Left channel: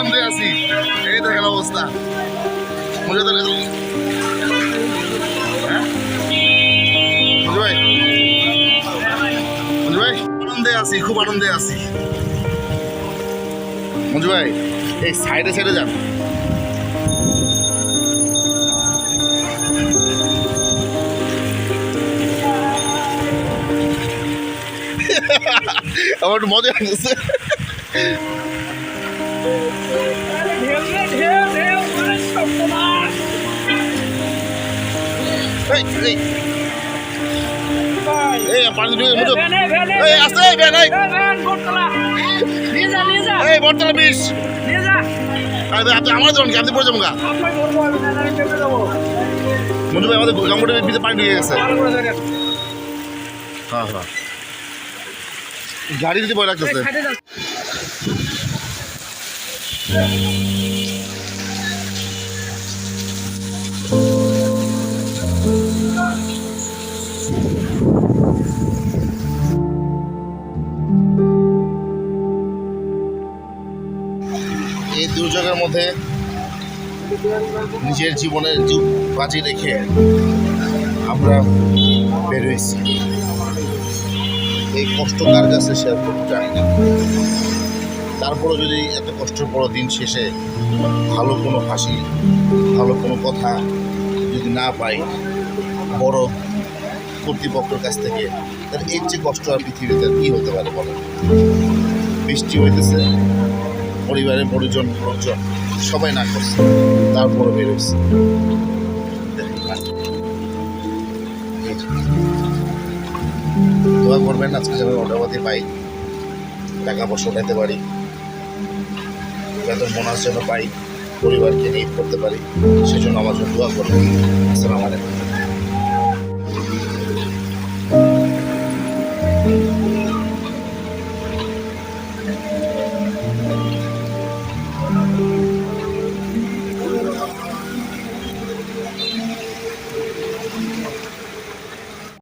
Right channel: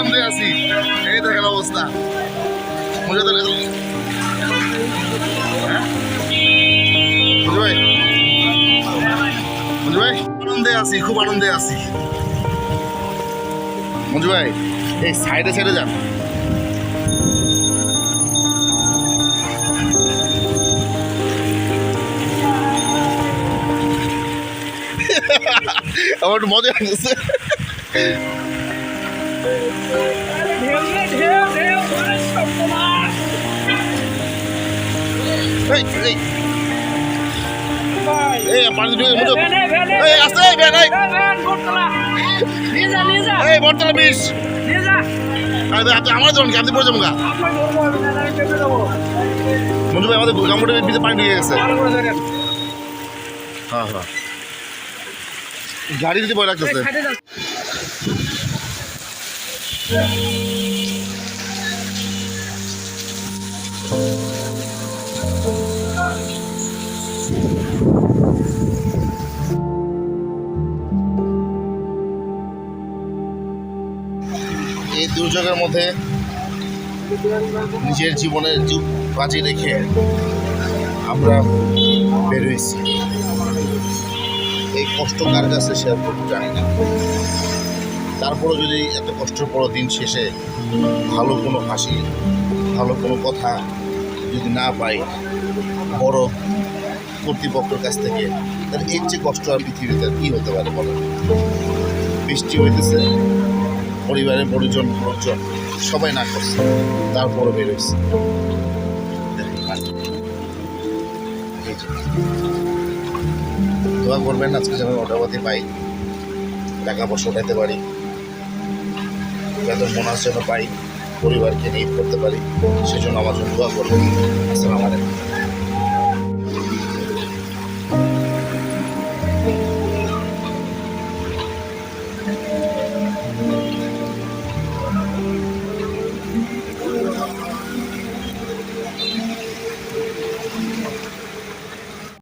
আনন্দে আছি। এই দেখেন অবস্থা। মজা তো লেগে হ্যাঁ আনন্দে আছি, খুব আনন্দে আছি। মঞ্জু এই সাইডে সাইডে যান। মজা এই এই এই পানি ঢুকে মজা এই আসতে এই ভ্যান এই এই বর্তলা বিশ আরে আপনি আমার কি আপনি পড়ে যাব গা মঞ্জু হ্যাঁ হ্যাঁ এই দুর্যোগের মধ্যে নিজের জীবনের যুগ বাজি রেখে আমরা বেরোইছি এই কষ্ট কার কাছে শেয়ার করতে জানি না তারপরও যদি এত কষ্টের বড় দিন শেষে ভালো কোনো হাসি, ভালো কোনো কথা যদি না পাই, বড় কর্তৃপক্ষের কাছ থেকে, তাহলে এর চেয়ে কষ্ট আর পৃথিবীতে কী হতে পারে বলো বৃষ্টি হইতেছে, পরিবারের পরিজন লোকজন, সবাই না করছে, তারপরও যে। দোয়া করবেন, আজকে যেন অর্ডারপাতি পাই, টাকা পয়সা উঠাইতে পারি বেতন বোনাস যেন পাই পরিবারকে নিয়ে পড়তে পারি, সেজন্য আমার জন্য দোয়া করবেন। আসসালামু আলাইকুম।